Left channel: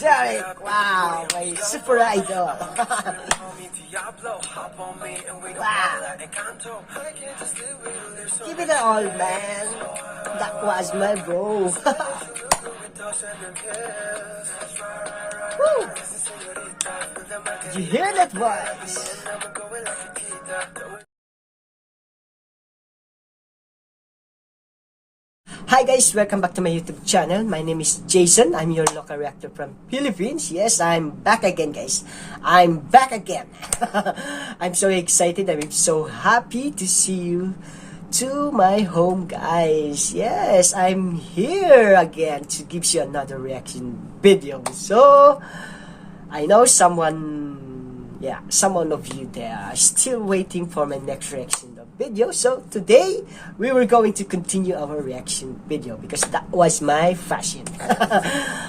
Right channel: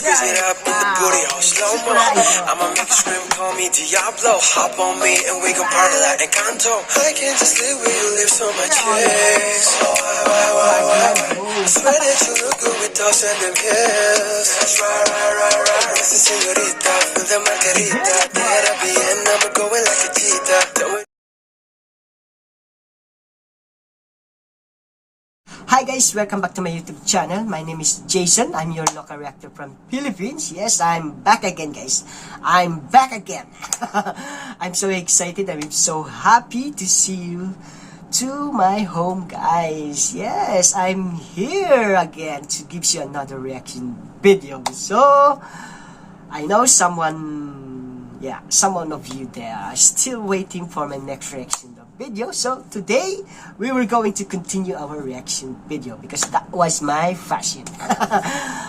Derrick, wow, super idol. I'ma make you scream, call me Diablo. Hop on me and we gon' party like Encanto. I can't just live where you live, so much chase. Swear that you look good with toss and them pills. Right. This is señorita, feel the margarita. Better be in, I'ma go in like a cheetah. Hi guys, welcome back to my YouTube channel. My name is Jayson. I'm your local reactor from Philippines. Yes, I'm back again guys. I'm back again. I'm so excited. I'm so happy to see you to my home guys. Yes, I'm here again to give you another reaction video. So, I know someone of you there are still waiting for my next reaction video. So today we were going to continue our reaction video because that was my fashion.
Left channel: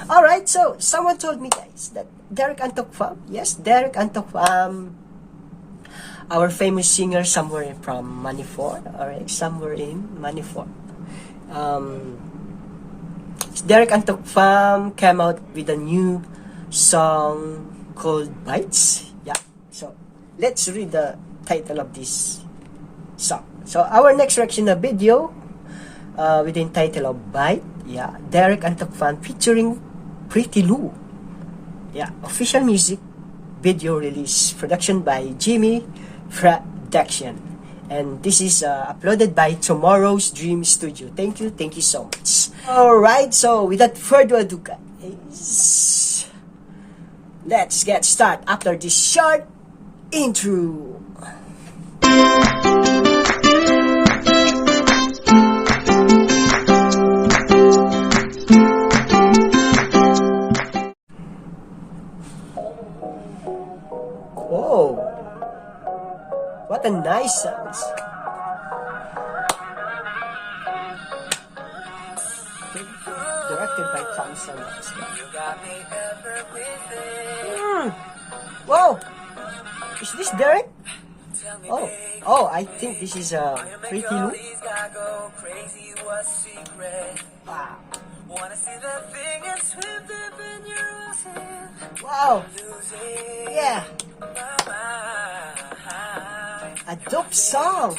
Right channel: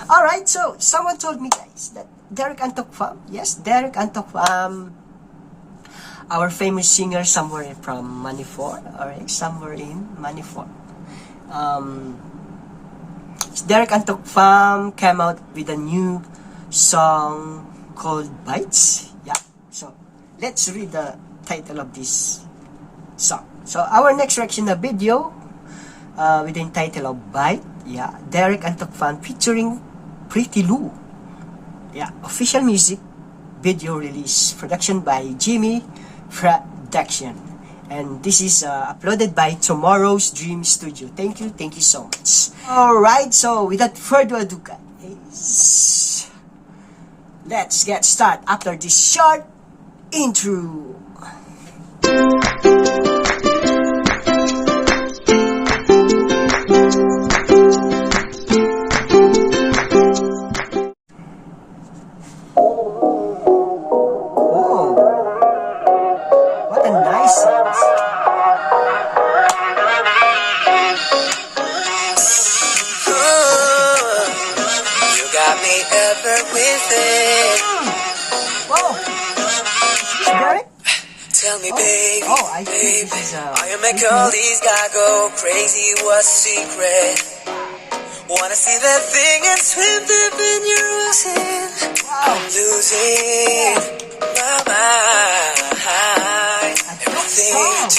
Alright, so someone told me guys that Derrick Athokpam, yes, Derrick Athokpam, our famous singer somewhere from Maneclang, alright, somewhere in Maneclang. Derrick Athokpam came out with a new song called Bites. Yeah, so let's read the title of this song. So our next reaction video with the title of Bite. Yeah, Derrick Athokpam featuring Prithi. Yeah, official music video release, production by Jimmy Production, and this is uploaded by Tomorrow's Dream Studio. Thank you so much. Alright, so without further ado guys, let's get started after this short intro. What a nice sound. You got me ever with it. Whoa! Is this Derrick? Tell me, baby. Oh, I think this is I make all these guys go crazy. What's secret? Wanna see that thing and swim deep in your ocean. wow. Losing my mind. A dope song.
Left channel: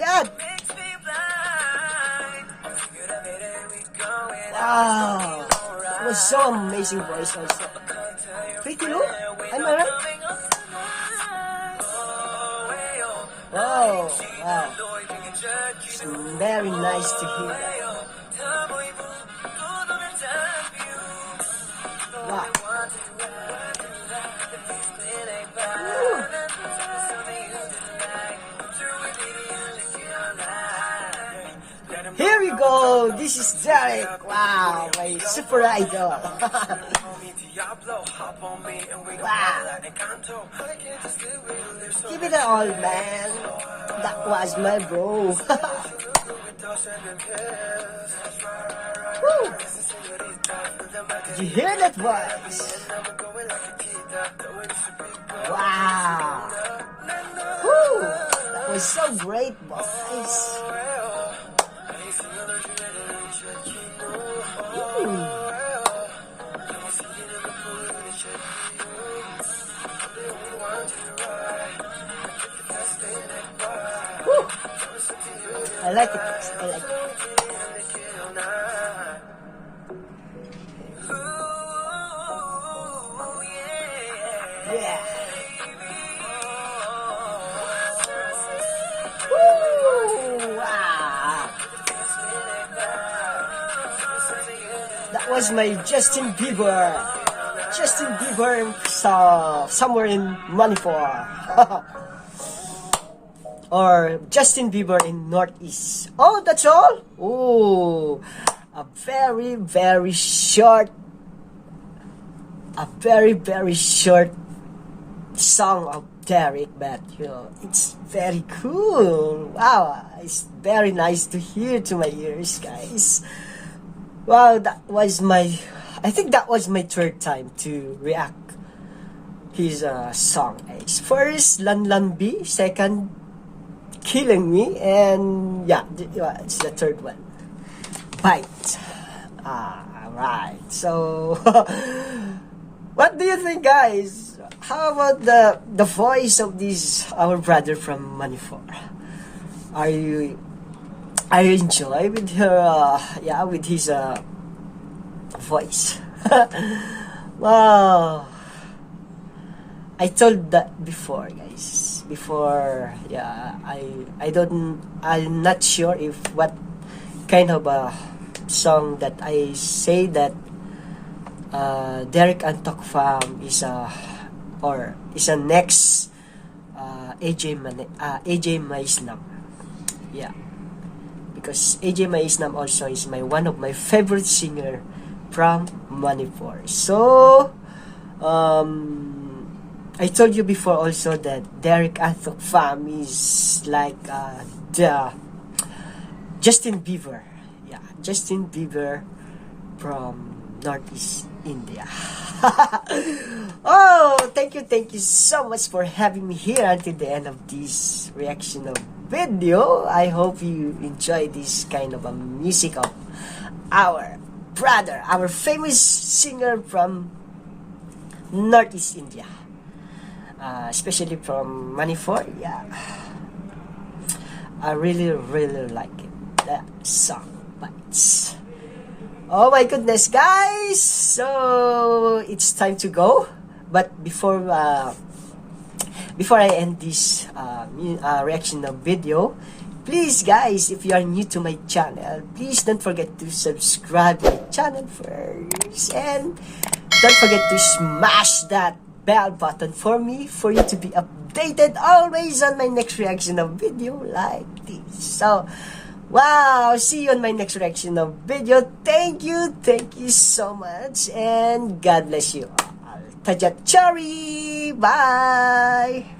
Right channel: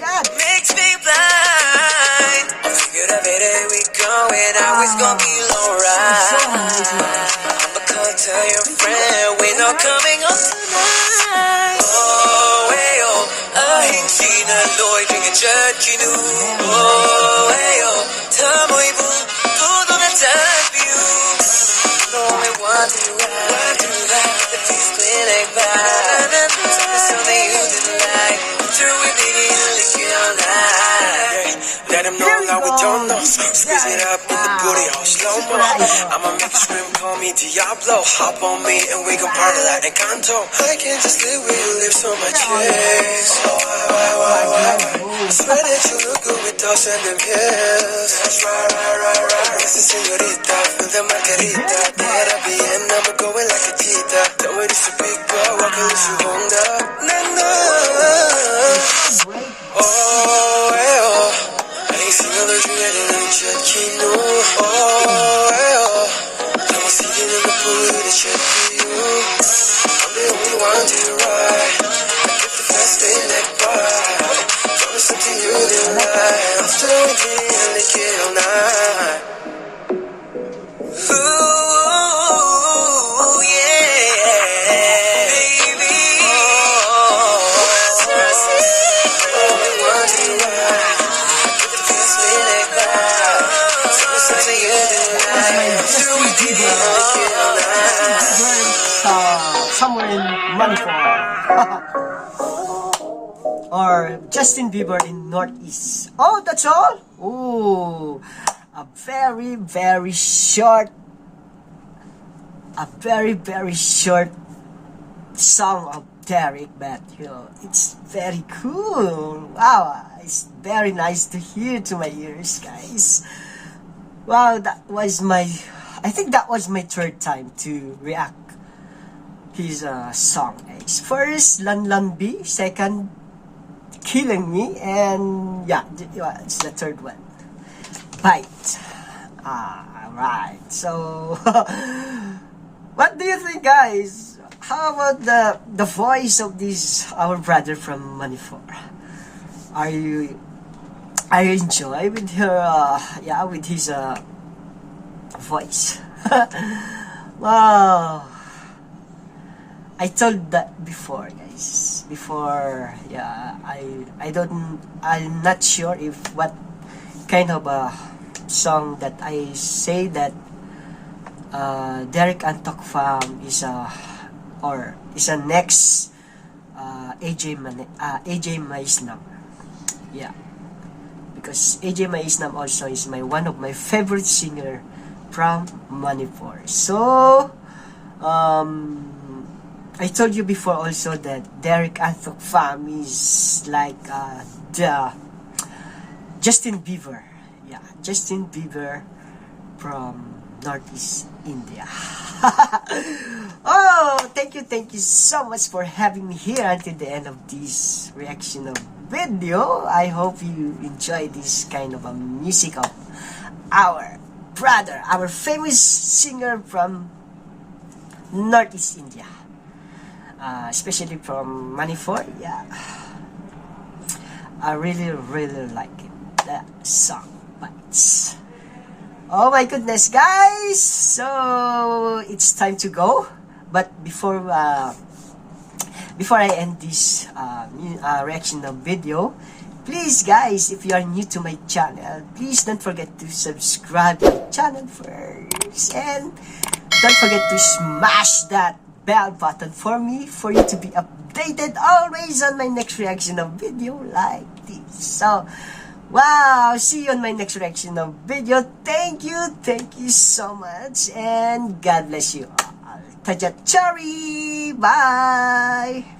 God. Makes me blind. I figured every day we going out, it's gonna be alright. It was so amazing. I'ma come tell your friend we're not coming home tonight. Oh, hey, oh, I ain't seen a Lloyd drinking church, you know. Very nice. Oh, hey, oh, tell me, boo, todo the time for you. No, we want to ride to that. The peace clinic vibe. Something you didn't like. Through it, baby, lick it all night. Let him know that we don't know. Squeeze it up with the booty on slow-mo. I'ma make you scream, call me Diablo. Hop on me and we gon' party like Encanto. I can't just live where you live, so much chase. Swear that you look good with toss and them pills. Right. This is señorita, feel the margarita. Better be in, I'ma go in like a cheetah. Don't wait, it's a big girl, I can let you wonder. It's so great. Oh, hey, oh. I ain't seen no allergy ready to check you know. Oh, hey, oh. Now I'm seeing in the pool to check you. I'm the only one to ride. I get the fast thing like bar. Promise something you didn't like. I'm still waiting and they get all night. Ooh, yeah, baby. That was my Justin Bieber song, somewhere in Maneclang. Or Justin Bieber in Northeast. Oh, that's all? Oh, a very short song of Derrick, but you know, it's very cool. Wow, it's very nice to hear to my ears, guys. Wow, I think that was my third time to react his song, guys. First, Lan Lan B. Second, Killing Me. And yeah, it's the third one. Bite. Alright, so What do you think, guys? How about the voice of this our brother from Manifor? Are you enjoy with her? With his voice. Wow. I told that before, guys. Before, I'm not sure if what kind of a song that I say that Derrick Athokpam is a next AJ Maisnam. Yeah, because AJ Maisnam also is one of my favorite singer from Manipur. So I told you before also that Derrick Athokpam is like the Justin Bieber. Yeah, Justin Bieber from Northeast India. Oh, thank you so much for having me here until the end of this reaction of video. I hope you enjoy this kind of a music of our brother, our famous singer from Northeast India, especially from Manipur. Yeah, I really like it. That song bites. Oh my goodness, guys! So it's time to go. But before I end this reaction of video, please, guys, if you are new to my channel, please don't forget to subscribe to my channel first, and don't forget to smash that bell button for me, for you to be updated always on my next reaction of video like this. So, wow, see you on my next reaction of video. Thank you so much, and God bless you all. Tajachari, bye!